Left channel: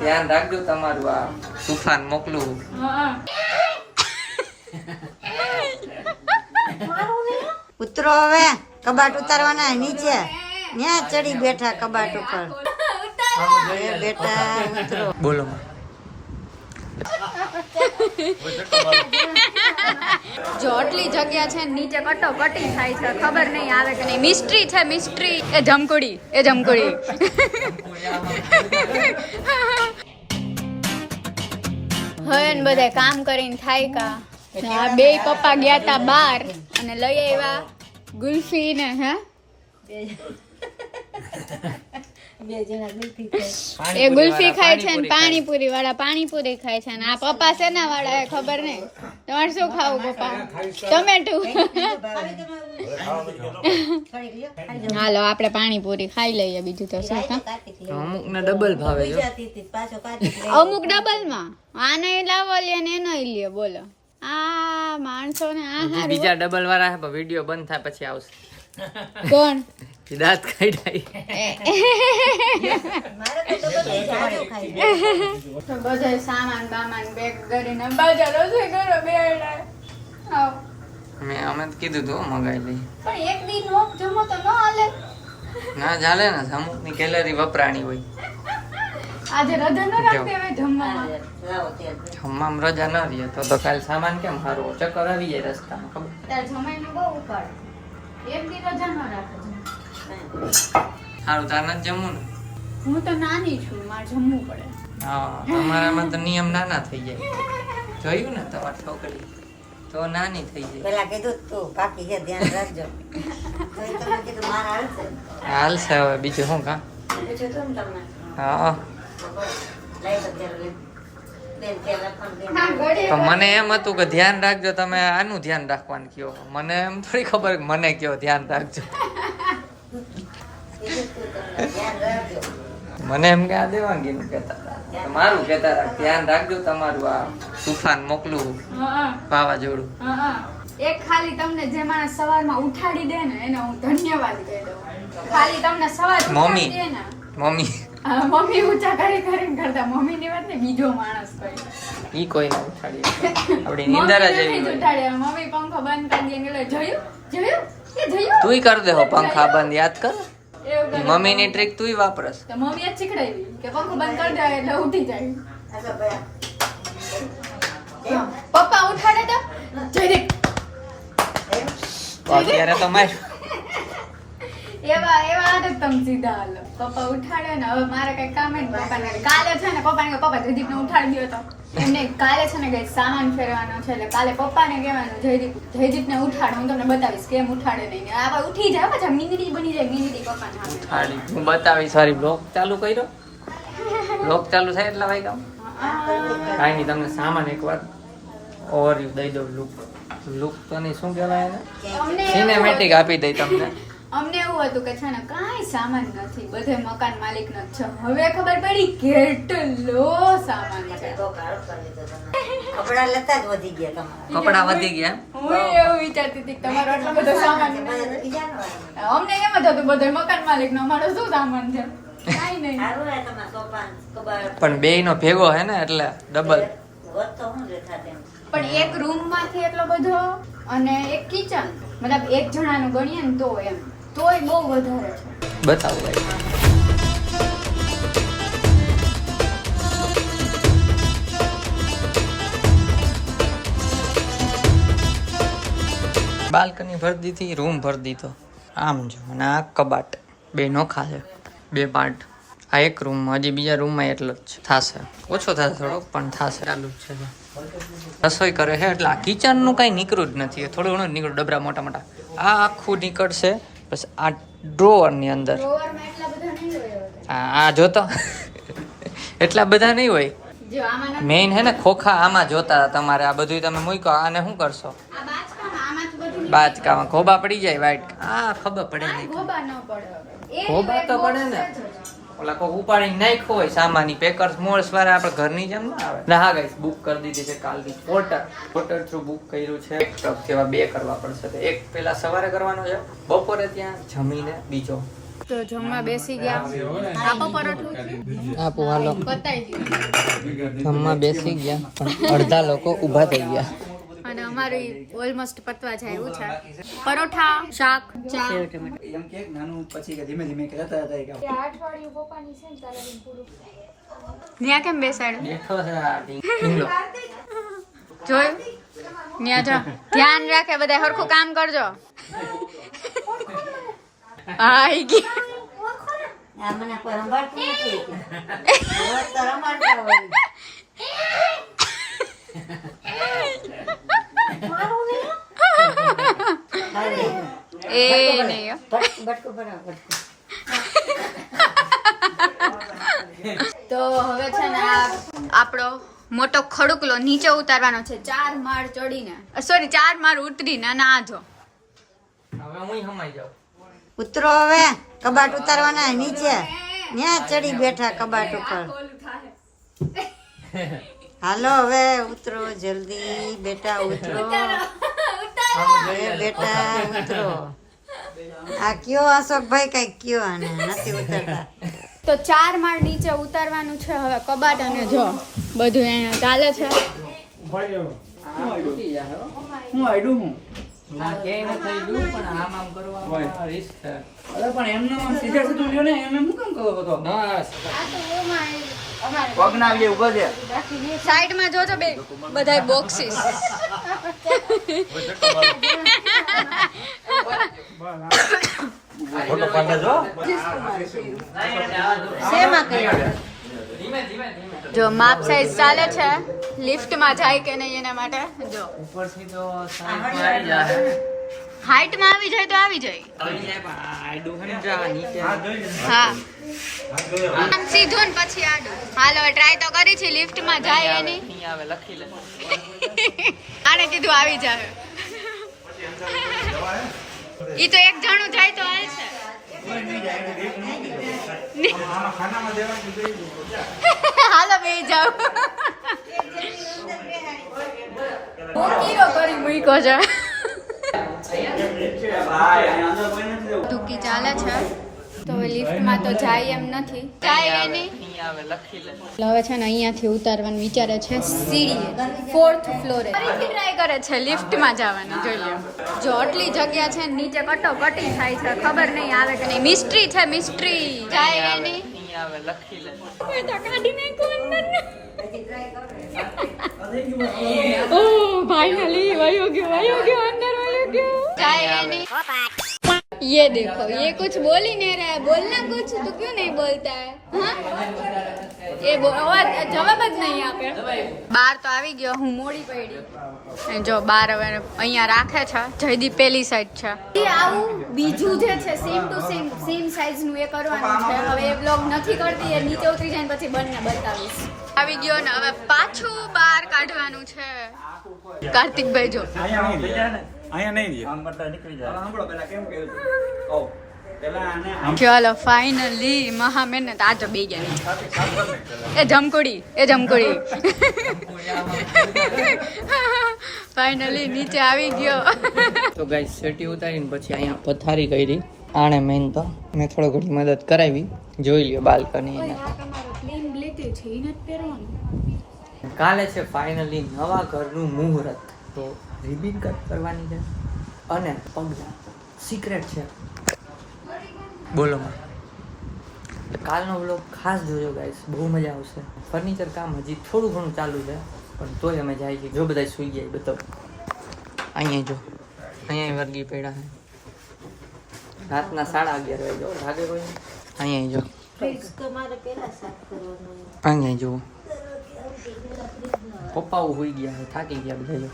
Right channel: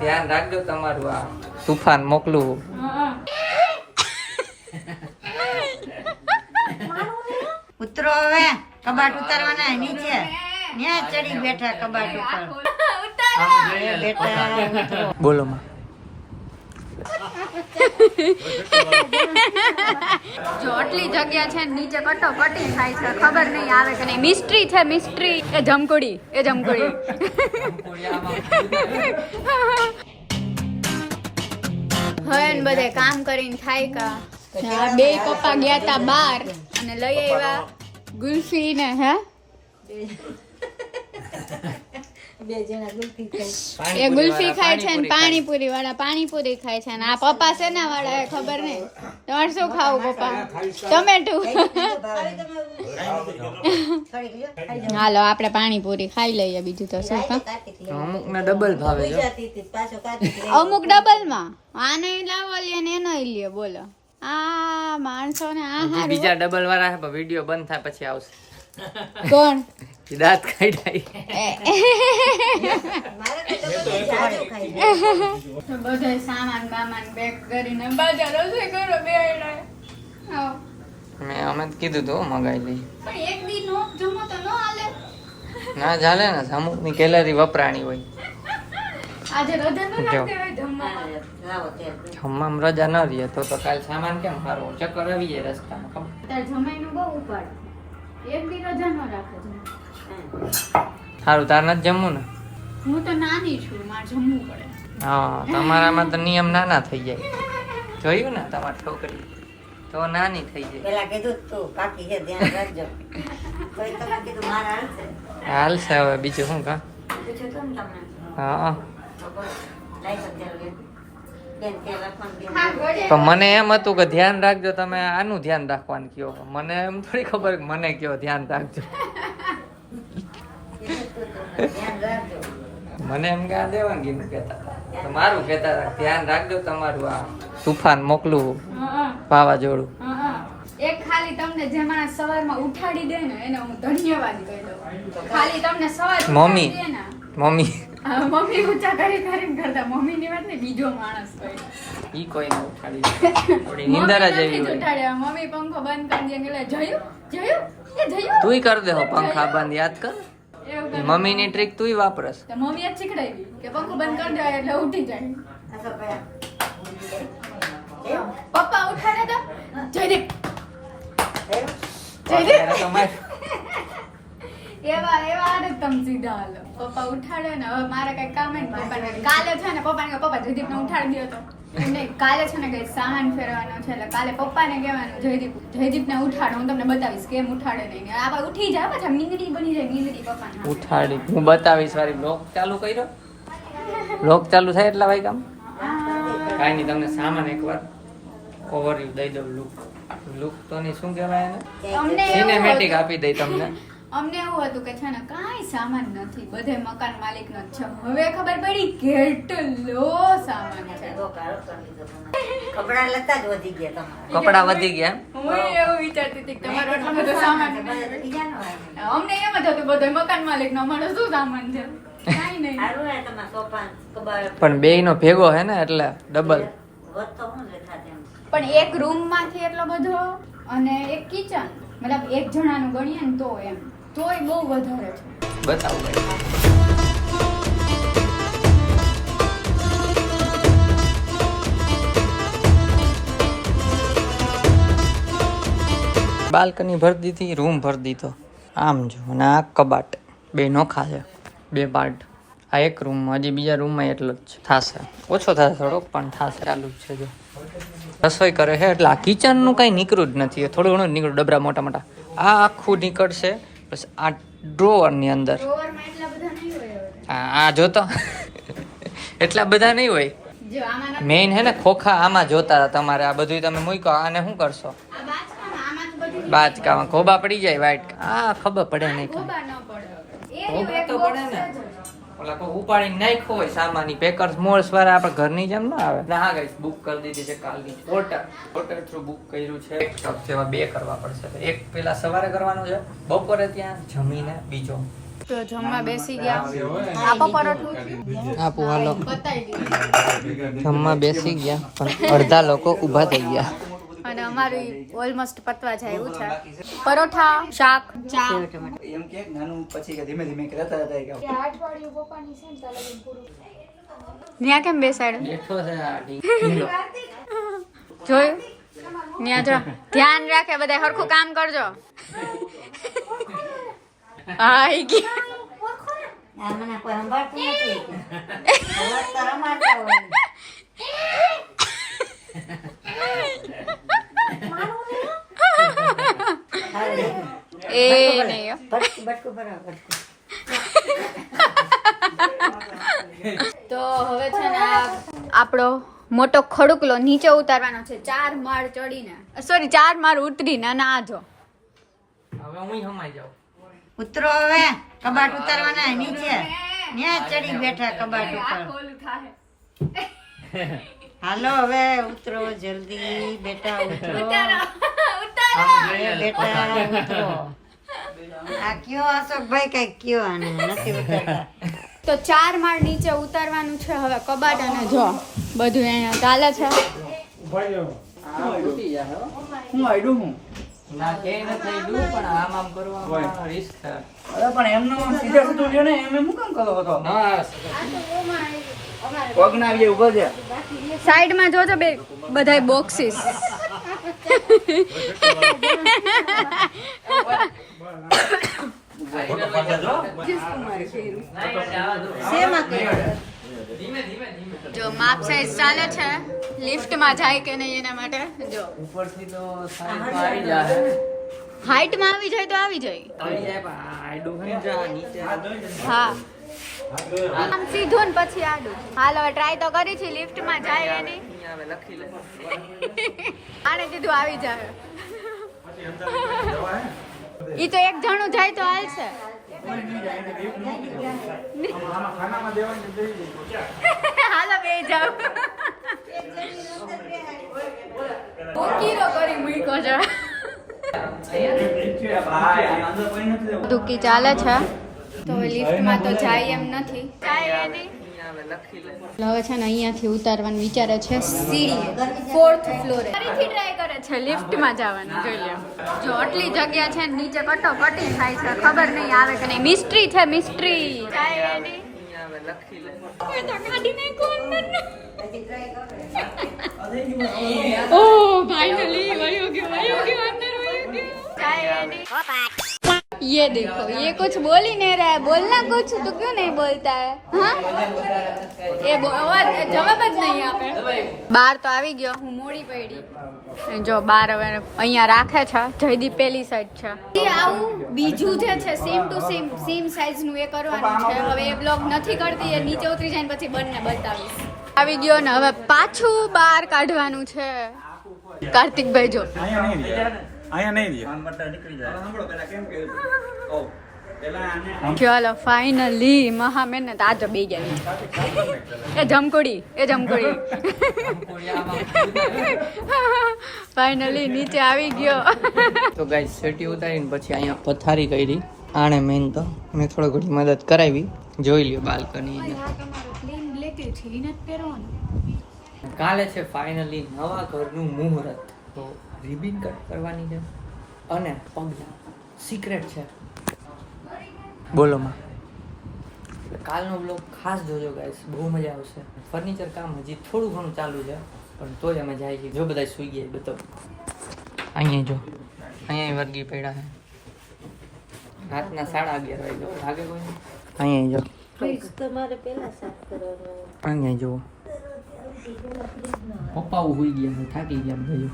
ધ્યાન રાખજો તમારું આ તુફાન મોકલું. ઉતરો હવે, કબાટ ઉતારવાના નીચે. ત્યાં ચડી બેઠા કબાટ ઉપર. બેટા ઉતરો. બોલો માં. જો આટલી જગ્યા છે નીચે કટોકટી થાય છે, ખબર નહીં આવે કે નહીં. મિસ્ટ્રી છે, મિસ્ટ્રી. એ જમકુડી. હવે ને બધે કામ કરીને થાય કા. આ બે પપ્પા ગયા તા બાર અને લઈ આવ્યા ગુલ્ફી ને હે એ ગુલ્ફી ખાય છે ને પાણીપુરી વાળા પાણીપુરી ખાય છે ને આ પપ્પા શેના વાળા ખબર નહીં. તમારે શું ખાવું પપ્પા? ટમેટું. હાલો આપણે પાણીપુરી ખાઈ લઈએ, બીજું તો શું. અમુક ને ડબલ ભાવે છે, અમુક ડબલ માં આને લાવો લે ને એનો લે. બોલો આ માણસો ને આ બીજા ડબલ વાળા હે, વિડિયો બંધ થાય પછી આવશે. કોણ? દાંત કાઢાય. બધો સામાન બામાન બેગ કરીને બજાર રસોઈ કરો બે. અમે કીધું તો મગાઈ લઈ. પણ એક દી નો જમો તો ન હાલે. ના ચાલે ને, અમુક ની કેલરી વપરાણી હોય. આજે રજા ન રાખે હવે જમવામાં. જમવામાં રજા ન લે તો કાલ સામાન કેમ હારો ચક્કર આવી જાય રસ્તામાં. ખબર તાર જમાઈનો બહુ ઉપાડ. એક દી રજા ન રાખે. સારું તાર નથી જમવું ને? હું તો નાની છું, મારે જમવું પડે. હા તમારામાં તો નિયમ નાના થઈ જાય. જોયું ને તમારી છોકરી તો નાની થઈ જાય. પેલા કીધું તું કાકી છે ધ્યાન રાખજો. કોઈ તમે કીધું મારા હાલશે. હાલશે હવે બીજું શું કા. પૂછ્યું તું ને તમને. હા લાઈ તો ત્યારે બેન ત્યારે પણ હા ગળે. તો મને એમ હતું કે ધ્યાન રાખજો, તમે આનું ધ્યાન રાખવાનું કયો. મને એમ થોડી ખબર કે મને કયો ધ્યાન રાખજો. ધ્યાન રાખજો. મને એમ કે આ દેવાંગીનું કહેતા હતા, મારું કહેતા હતા ધ્યાન રાખજો તમારું આ તુફાન મોકલું વાવાઝોડું. એક ખાલી તમને જે માણસ સવારમાં ઉઠાડી દે ને એને હું ધન્યવાદ કહી દઉં. ખાલી તમને સવાર મમ્મી. ઉઠાડી દે ને. મમ્મી મમ્મી ઊંચા કરીને કરતા મમ્મીની વાત ને બીજો માણસ કહી. ઈ કોઈ ના ઉઠાડી આપડી નિંદર જ એવી હોય. મમ્મી પંખો બંધ કરી દે એટલે જોયું તુંય કર દે હો પંખા બંધ, યાદ કર. એવું કરે. મમ્મી ની ટ્રીક તુંય વાપરસ. તો મમ્મીએ જ શીખડાવી કે પંખો બંધ કરી દે એટલે ઉઠી જાય. અચ્છા ભાઈ પપ્પા ઉઠાડે તો જયદીપ અત્યારે તો મેં એવા આદત તમે સીધા હાલો. પપ્પા ઉઠાડે ને હવે મારે કઈ કામ હે ને પપ્પાને કાલે છે ને પપ્પાને કે પપ્પા જયદીપને ઉઠાડી દો તો એમને કાલે છે ને કઈ સામાન ફેરવાનો છે એટલે કાલે પપ્પાને કહેવાનું જયદીપને ઉઠાડો, હું તમને બતાવીશ કેમ ઉઠાડે નહીં. આ ઉઠી જાય પાછા મીંદડી બની જાય, મીંદડી પપ્પાને હાથે. ઉઠાડી હું બતાવીશ. સારી બ્લોગ ચાલુ કર્યો, બ્લોગ ચાલુ થાય એટલા વાય કામ કાંઈ નહીં. તમને સામાન એકવાર ઓવરવ્યુ દઈ દઉં. લુક તો નહીં શું કહેવાય એને, સિનેમેટિક આપી દઈ તમને. અમને એવું હતું કે છે ને કાંઈ સામાન નથી, બધે મકાન માલિક નો છે. હવે ખબર પડી કેટલો સામાન છે. કપડા લેતા જ વધી ગયા તમારા. કપડા વધી ગયા એમ? હું એવું વિચારતી હતી કે તમારો આટલો બધો સામાન નહીં. બીજાનો આવ્યો. અમને એમ જ હતું બધો મકાન માલિક નો, અમારો શું સામાન છે? કાંઈ નહીં. સારું હે તમારા સોફા કબાટ પણ બેય નો ભેગો હે ને એટલે ડબલ. વધતો હું દેખા તેમ. પણ એક રૂમ માંથી એટલો બધો અને એક કિચન, મતલબ એક જણાનું ગણીએ ને તો એમ તોય બહુ વધારે છે. બતાવું ભાઈ. બાલ્કની ભરી દીધી, રૂમ ભરી દીધો. આમ જો અને આ કબાટ બે નોખા છે, બે પાર્ટ. આ એક રૂમ, હજી બીજા રૂમમાં એટલો જ થશે, ઓછો થશે થોડોક પણ થશે. ચાલુ જ છે જો રસોઈ કરે છે એટલે આ કિચનનું કાંઈ નીકળ્યું જ નથી. થોડું ઘણું નીકળ્યું, ડબરા મોટા મોટા. આ આખું નીકળશે. બસ આ ડ્રોવરની અંદર ડ્રોવરમાં એટલા બધા નહીં હોય. આ જોતો એટલા બધા નહીં હોય. જો આમાં મેઇન હે ને ખોખા આમાં જોતા તમારે. આ બધું તમે મૂકો, આને શું કરશો? આ બાચકામાં આમાં તો બધું બાચકામાં ખોબા પડી જાય વાઈટ. આ ખબર પડે નહીં. ખોબા ન પડે હવે. એ ખોબા તો એક પડે box ને. છે જ. ઓલા કોઈ ઉપાડી નાખ્યો હોય સામાની પેકર્સ મોલ્સ વાળા આપણે ઘરની જેમ ના આવે ને. હા ગાઈસ બુક કરી દીધી છે કાલથી પોર્ટર થ્રુ બુક કર્યું છે. એક ટપ જેવા 2 કરવા પડશે. તો એક પેલા સવારે કરવાનો છે, બપોરે ત્યાં જમીને બીજો તો જમવા બેસી ગયા. આપો પરોઠું આપો હાલો. બતાવી દીધું જમવા બેસી ગયા પણ અડધા લોકો ઊભા થઈ ગયા. અને અમારું ઓલમોસ્ટ પતવા જાય એવું છે. પરોઠા, શાક, ચા. એમ કે નાનું પછી કે ધીમે ધીમે કહેતા હતા કે ન્યા કેમ બેસાડ્યો? બેઠો છે આ જોયું? ન્યા જો ધ્યાન રાખે બધા હરખું કામ કરજો. આઈ ગઈ. આ મને કોઈ સંભાળતું નથી. રોજ તો રમાડતા હોય. એ નહીં હો. બટકું ભરાવ, બટકું. તો હવે છે ને આ આપણો મોટો ખડુકલો નીચે ઉતારવાનો છે 4 માળ ચડીને, સોરી 4 માળ ઉતરીને. અને આ જો હવે હું હમાઈ જાઉં. ઉતરો હવે, કબાટ ઉતારવાના નીચે. ત્યાં ચડી બેઠા કબાટ ઉપર. હાલો હવે ઉતરો જલ્દી બેટા, ઉતરો. હવે બેટા ઉતરો. આ કયો અશોકભાઈ કઈ કયો આને નથી ઉતરતા. તો 4 માળ નીચે ઉતારવાનું છે હવે કબાટ. અને જો બધું અહીંયા ચાલે છે. આ તૂટી જાય હો. હું આઈડું હું ના કે ન થઈ ગયું પણ આમ કરવામાં રિસ્ક છે. અરે પણ એમને સીધા સીધું લ્યો ને એમને હું કામ કરો હતો બસ પગ ના આવીએ ઉભો છે સાઈડમાં જોજો બે બધાય બોક્સીસ. જો માપ સાઈઝ ચાલે છે. લિફ્ટમાં જાય કે નહીં એના માટે જો ઉપરથી તો સાઈડ આવી જાય. હાઈટમાં આવી જાય તો આવી જાય. આવી જાય પણ આડું સમજા નીચે. હા આમ સીધું ને પછી આડું. હાલો ટ્રાય તો કરી છે. લિફ્ટમાં જાય એની. નહીં આવે લખી લે. આને કીધું આવી જાય. ઈ તો એક જણું જાય તો હાલ છે. હાલો બે જાવ. બોકીરો કરી મૂક્યો છે. ડૂકી ચાલે છે તો હવે લિફ્ટમાં તો જાય એમ નથી. જાય એની. નહીં આવે લખી લે. હવે છે ને અહીંયાથી ઉતારવાનું વિચારે છે સીડીએ 4th ફ્લોરે. ફરીથી ટ્રાય કરે છે લિફ્ટમાં જવાનું. જોઈ લો જો આટલી જગ્યા છે ને નીચે કટોકટી થાય છે. ખબર નહીં આવે કે નહીં. મિસ્ટ્રી છે મિસ્ટ્રી. જાય એની. નહીં આવે લખી લે. એ તો કાઢી નાખ્યો અંદર. ઓ ફાઇનલી વયો ગયો અંદર વયો ગયો. જાય એની. ये देखो ये कुछ बोल ही नहीं रहा है. बोलना कुछ तो क्यों नहीं बोलता है? हाँ ये जवाब જ નહીં આપે. બાર તો આવી ગયો. હું મોડી પડી. જો બાર હવે અહીંયા રાખે છે. જયદીપ પેલી સાઈડ છે. આવું બીજું જે છે સેમ ટુ સેમ સાઈઝ નું એ કરવાનું છે. હવે એ બ્લોગ નથી કરતી. એ નીચે ઉતરી જાય ને પછી બંને બતાવીશ. આવી ગયો ને હવે પાછું બહાર કાઢવાનું છે. કાર્તિકભાઈ જો અહીંયા નહીં દે આમ બટા નીકળી જાય સાંભળો પેલા કેમ કર્યું ઓ પેલા આને ચલો ફાઇનલી મહા મહેનત. આ જો બે ગયા નહીં. એ જમકુડી ફાઇનલી નીચે આવી ગયો. તો ગાઈસ સેટી ઉતારીને પછી અહીંયા પથારી કરી. આણે મેન તો મેં થોડો ઘણી મદદ કરાવી. જોઈ લ્યો બાલ્કની એના. કાલે છે ફાઇનલી નવા ઘરનું મુહૂર્ત. તો રિબિન કટ કરવાની છે અને પગલા સિક્રેટ છે. બોલો માં કાલનો બ્લોગ ખાસ જોજો ગાઈસ. બહુ મજા આવશે. ફર્નિચર કામ હજી થોડું ઘણું ચાલુ છે પણ તોય અમે જાય છે. જો બધા સુઈ જાય બતાવો. અહીંયા જો અહીંયા વર્ગી પડ્યા છે. રાતના 11:30 વાગે જો લાગે કોઈ. અહીંયા જો અહીંયા જુઓ પપ્પાઓ હોઈ ગયા છે. થાકી ગયા બધા જો.